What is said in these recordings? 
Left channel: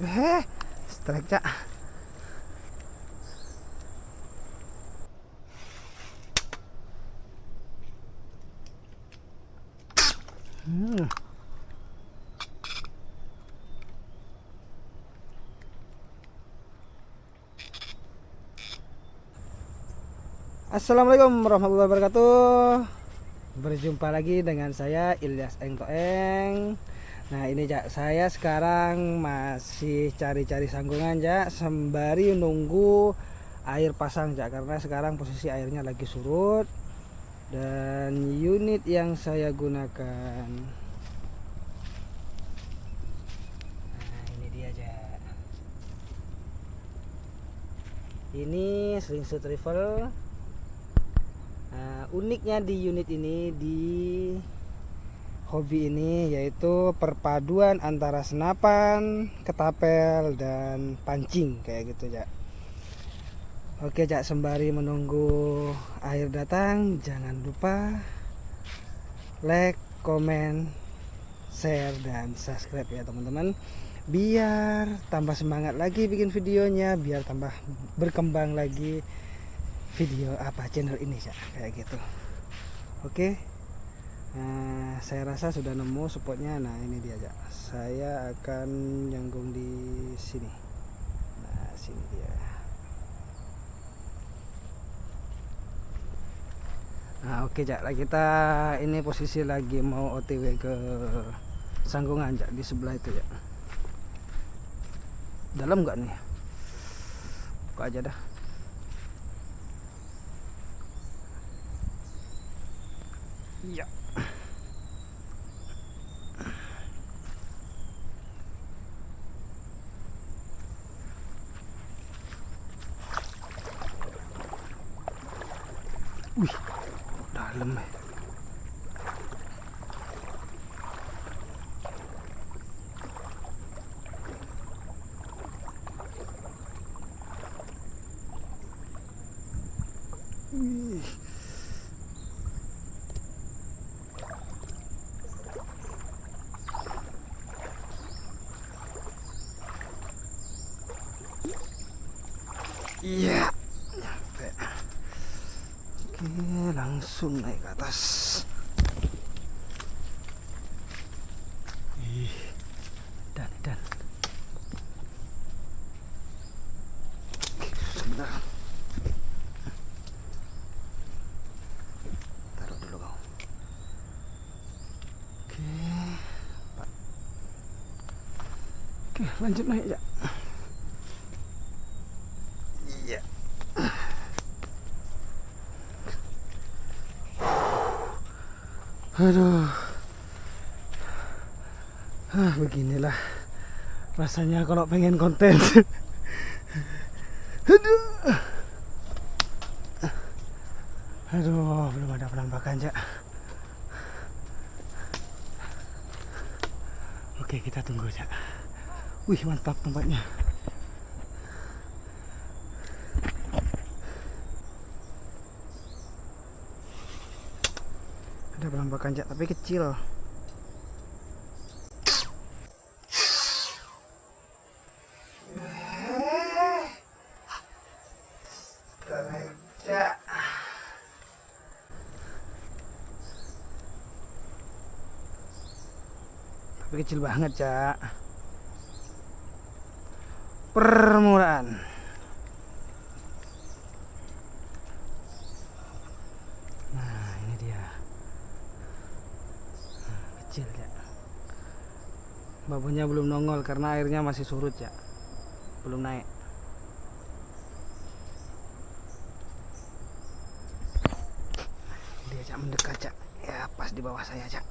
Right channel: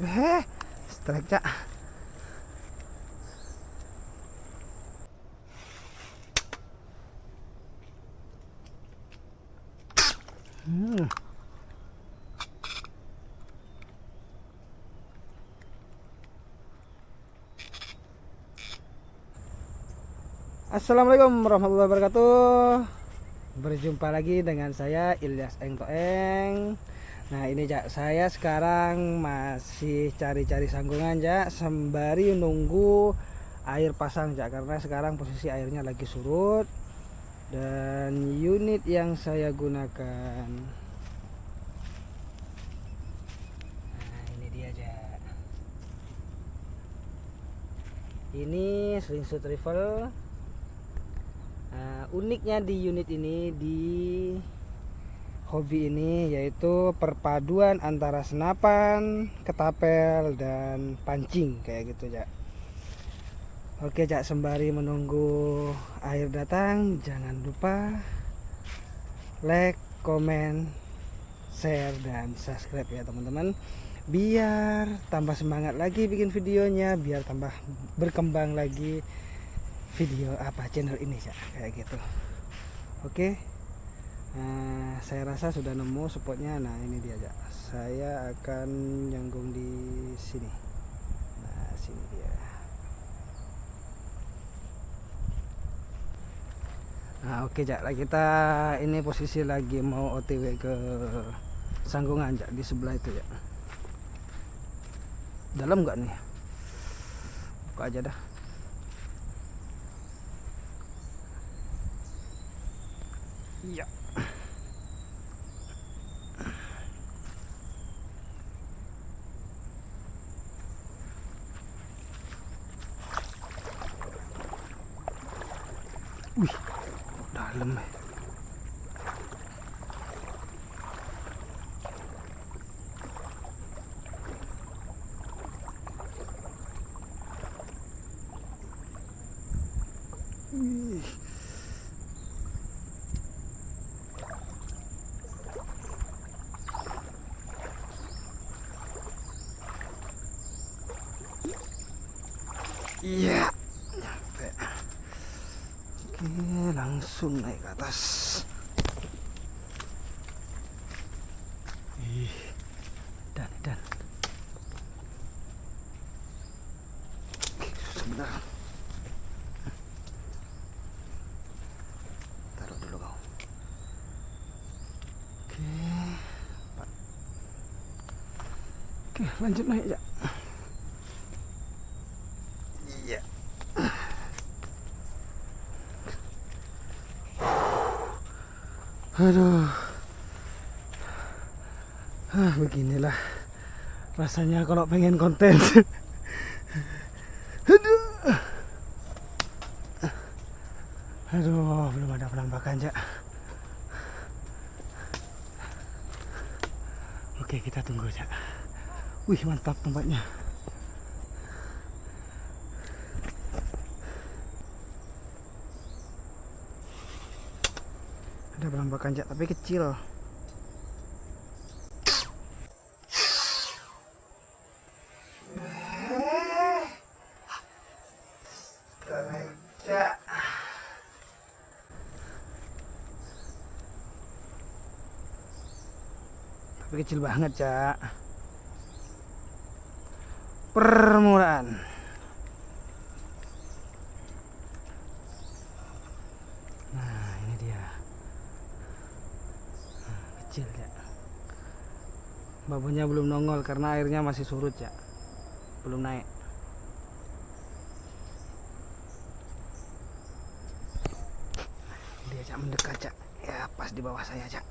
Strike cak. Assalamualaikum warahmatullahi wabarakatuh. Berjumpa lagi dengan saya Ilyas Engtoeng. Nah ini Cak, saya sekarang masih cari-cari sanggungan Cak, sembari nunggu air pasang Cak, karena sekarang posisi airnya lagi surut. Dan unit yang saya gunakan, nah ini dia Cak. Ini slingshot rifle. Uniknya di unit ini, di hobi ini, yaitu perpaduan antara senapan, ketapel, dan pancing kayak gitu Cak. Oke Cak, sembari menunggu air datang, jangan lupa like, komen, share, dan subscribe ya teman-teman, biar tambah semangat lagi bikin videonya, biar tambah berkembang lagi video channel ini Cak, kayak gitu. Oke, saya rasa sudah nemu spotnya. Nah ini dia Cak, saya akan nyanggung di sini. Nah sini dia. Nah oke Cak, kita ini posisi lagi mau OTW ke sanggungan Cak, di sebelah itu Cak. Dalam nggak nih? Buka aja dah. Iya. Wih, dalam ya. Wih. Iya, nyampe. Oke, langsung naik ke atas. Dan. Oke, sebentar. Taruh dulu kau. Oke, lanjut naik ya. Iya. Aduh. Beginilah rasanya kalau pengen konten. Aduh, belum ada penampakan Cak. Oke, kita tunggu Cak. Wih, mantap tempatnya. Ada penampakan Cak, tapi kecil. Tapi kecil banget Cak. Permulaan. Nah ini dia. Kecil Cak. Babunya belum nongol karena airnya masih surut Cak, belum naik. Dia Cak mendekat Cak. Ya pas di bawah saya Cak.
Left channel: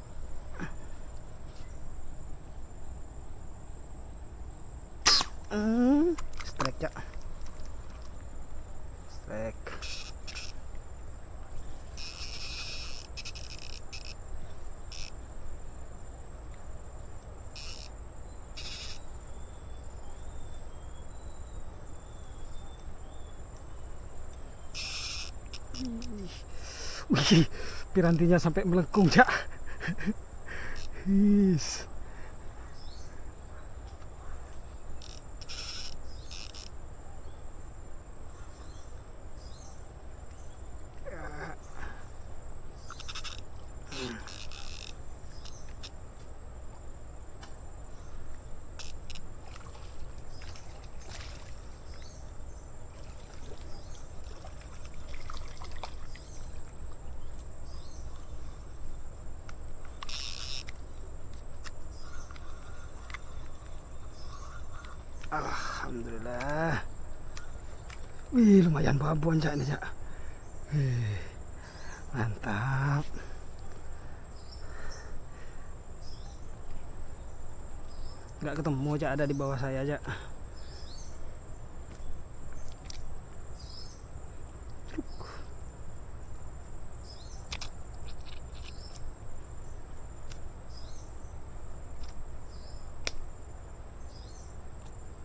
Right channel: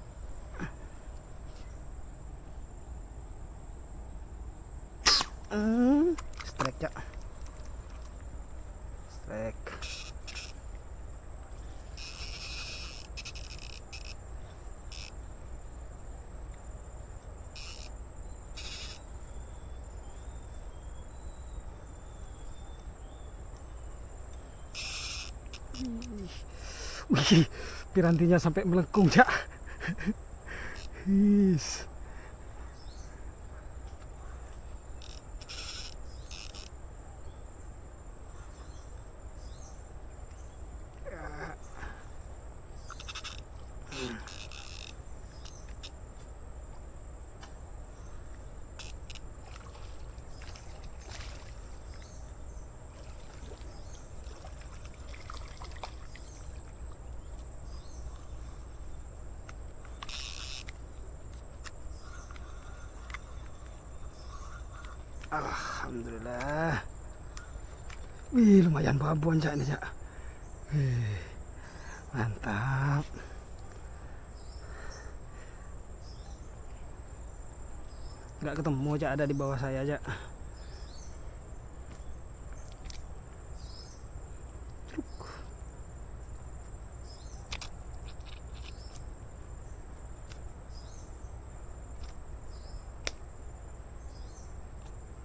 Strike Cak. Strike. Wih, pirantinya sampai melengkung Cak. Alhamdulillah. Wih, lumayan babon cak ini cak. Wih, mantap. Nggak ketemu cak, ada di bawah saya cak.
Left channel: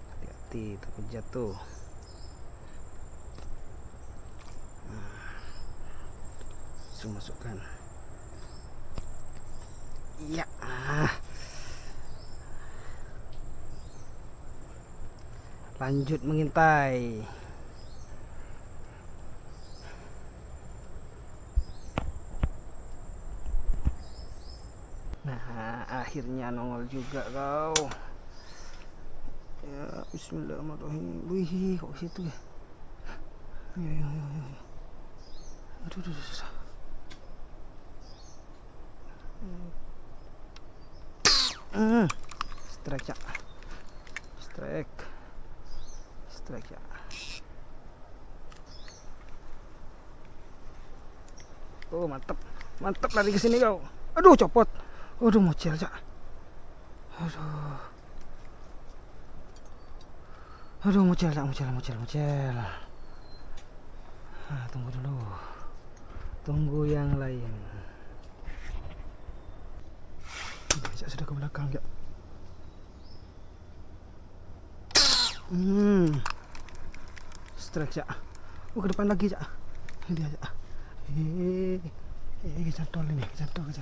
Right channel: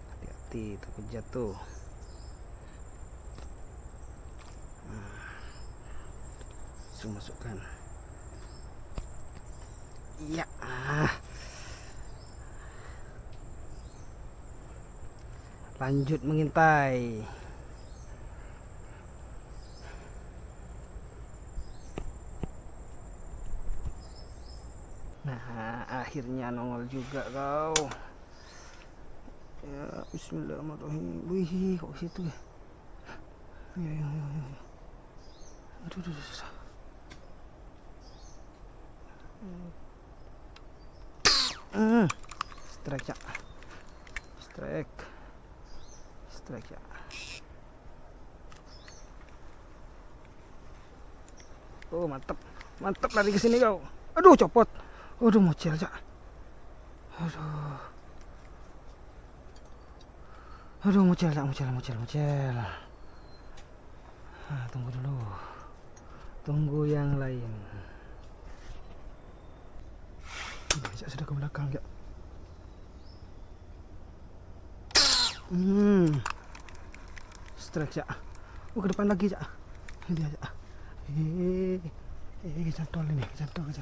Hati-hati takut jatuh. Langsung masukkan. Iya. Lanjut mengintai. Nah, akhirnya nongol juga kau. Ya, bismillahirrahmanirrahim. Wih, kok situ ya? Ya. Aduh, susah. Strike ya. Strike ya. Oh, mantap lari ke sini kau. Aduh, copot. Aduh, mocel cak. Aduh, mocel. Tunggu dulu. Tunggu yang lain. Cak sudah ke belakang cak. Strike cak. Ke depan lagi cak. Ini dia cak. Kecantol ini, kecantol.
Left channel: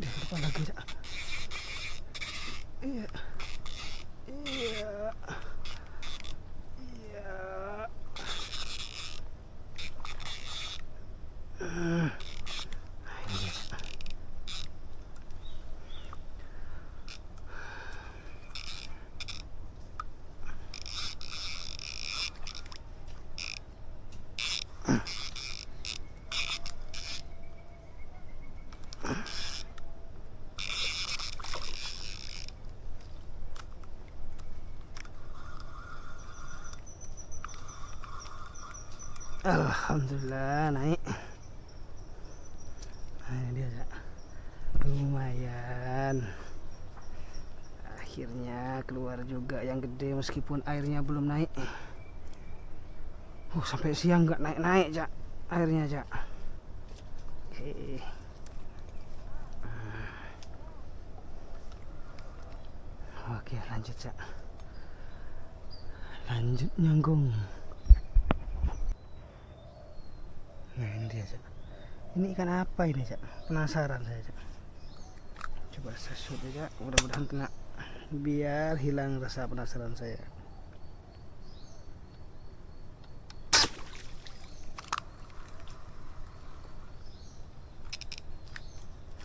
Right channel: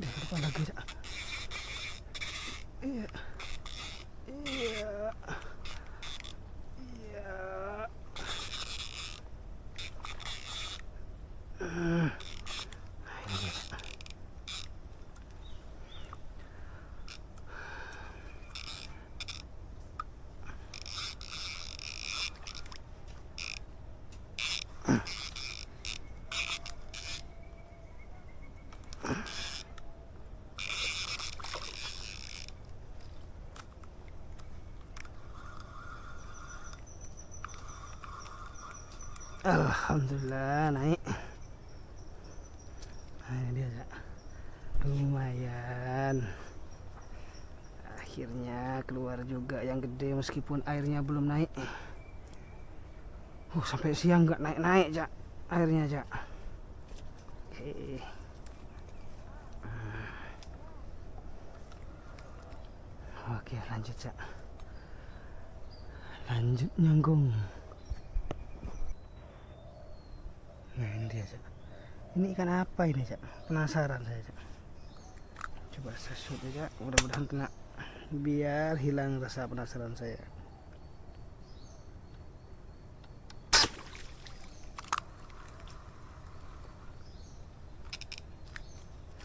Di depan lagi cak. Iya. Ini dia cak. Alhamdulillah naik. Nah, ini dia cak. Lumayan. Akhirnya keluar juga yang gede meskipun airnya belum naik. Sampai siang nggak naik cak airnya cak. Oke, lanjut cak. Lanjut nyanggung. Nah, ini dia cak. Ini ikan apa ini cak? Penasaran saya cak. Coba saya shoot aja, mudah-mudahan kena, biar hilang rasa penasaran saya.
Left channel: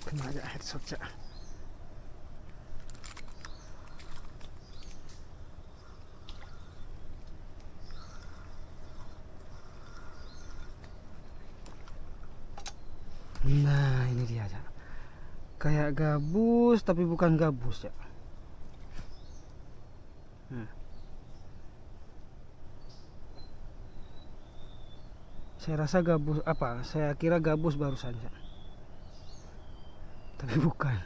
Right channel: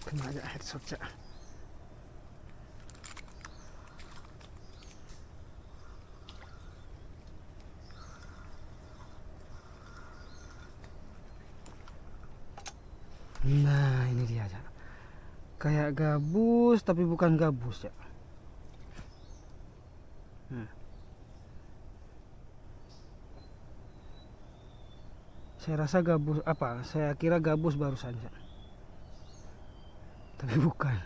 Kena aja headshot cak. Nah, ini dia cak. Kayak gabus tapi bukan gabus ya. Saya rasa gabus apa? Saya kira gabus barusan cak. Tapi bukan.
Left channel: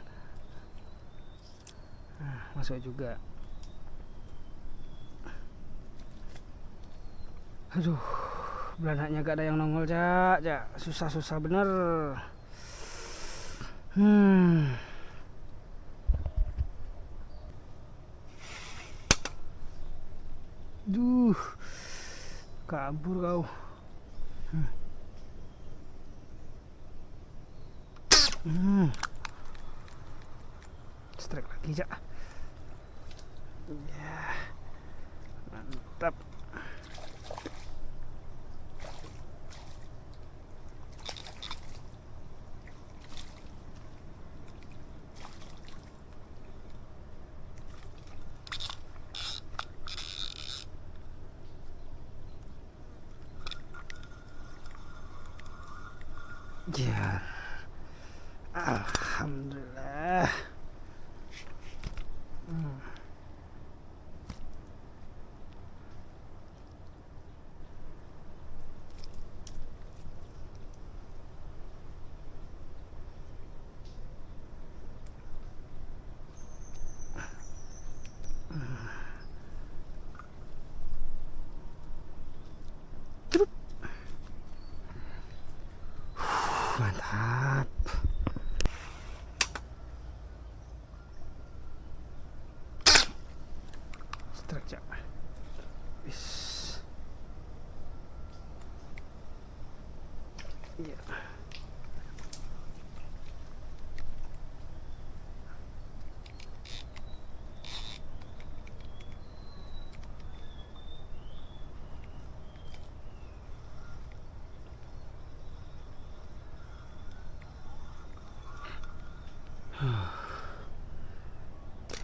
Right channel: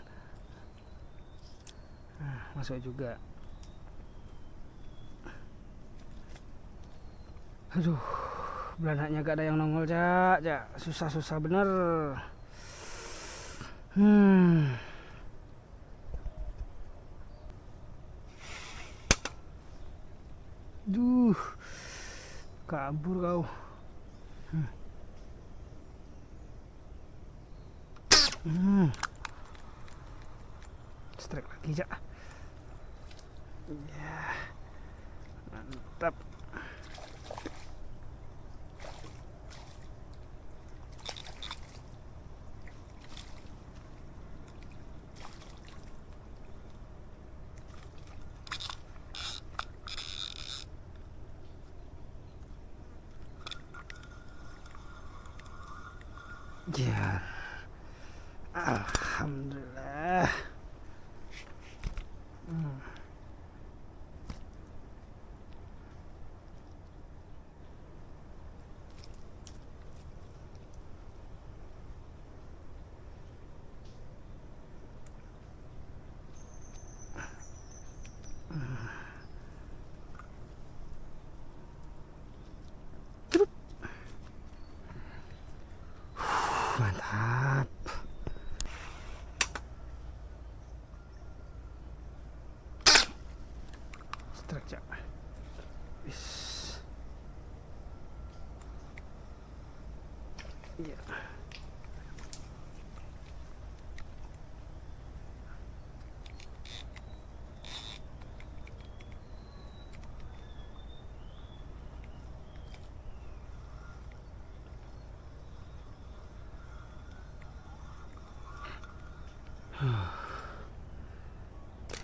Nah, masuk juga. Aduh, belanaknya gak ada yang nongol cak. Susah bener. Duh, kabur kau. Strike lagi cak. Ya, mantap. Ya, alhamdulillah. strike cak. Iya.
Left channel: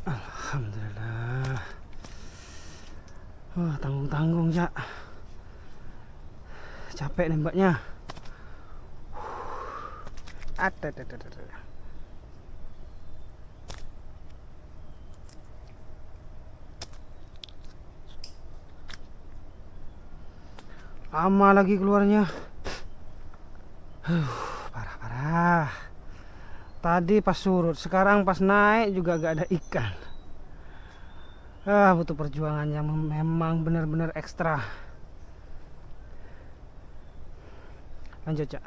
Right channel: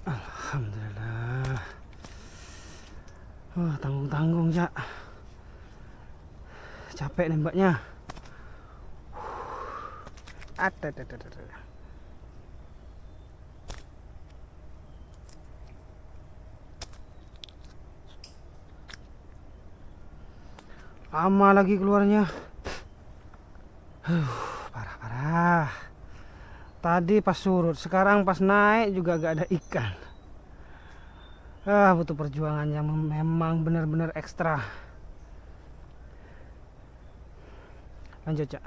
Alhamdulillah. Tanggung-tanggung ya. Capek nembaknya. Ada. Lama lagi keluarnya. Parah. Tadi pas surut, sekarang pas naik juga gak ada ikan. Butuh perjuangan yang memang benar-benar ekstra. Lanjut cak.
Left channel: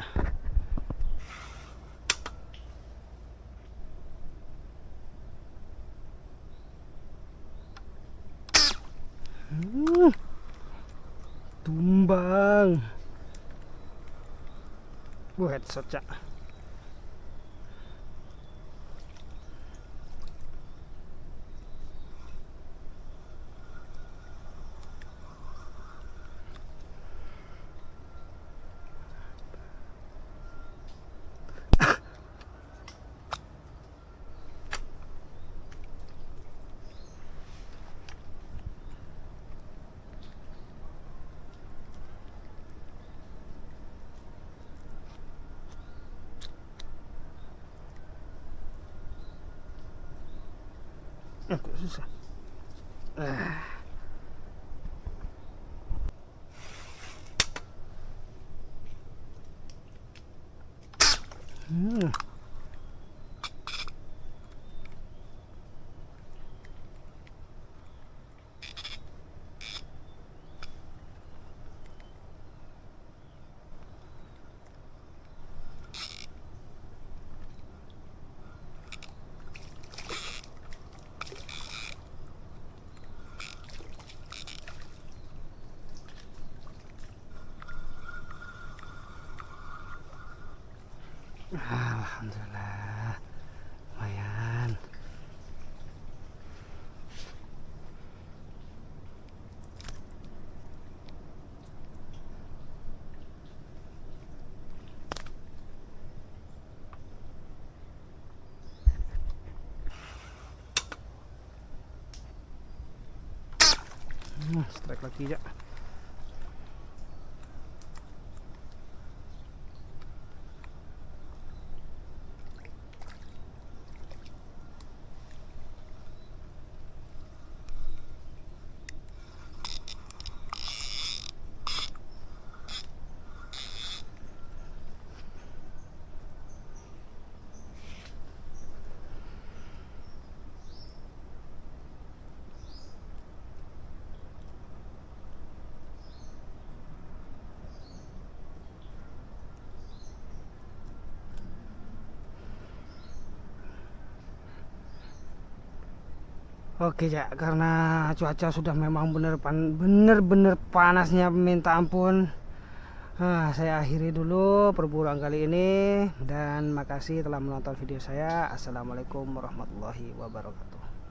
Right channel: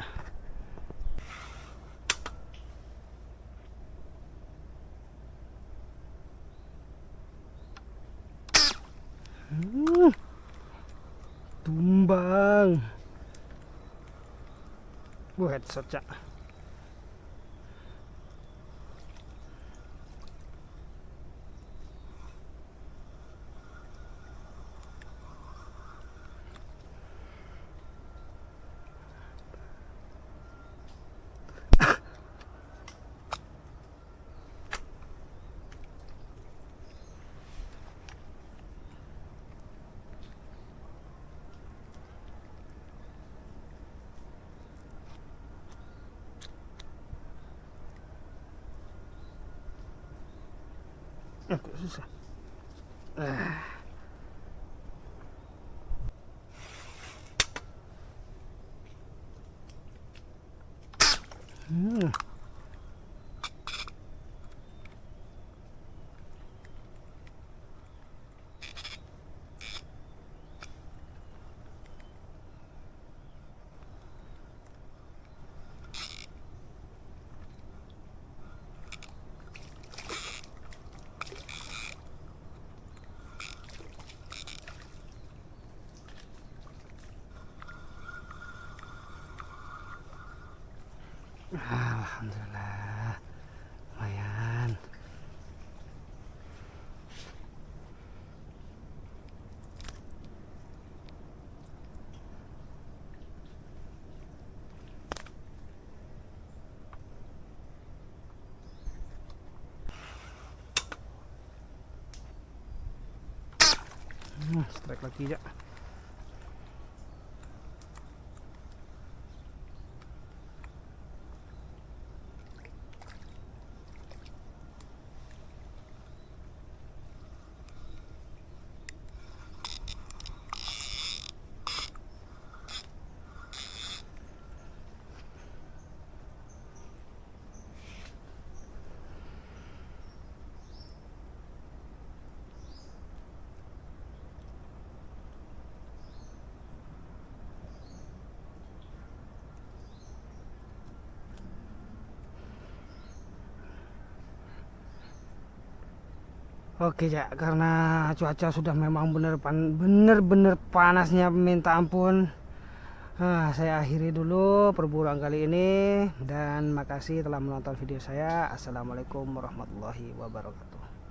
Tumbang. Headshot cak. Kok susah. Alhamdulillah, lumayan. Strike lagi ya. Oke ya, karena cuaca sudah memang bener-bener panasnya minta ampun. Saya akhiri dulu perburuan kali ini dan makasih telah menonton video saya. Assalamualaikum warahmatullahi wabarakatuh.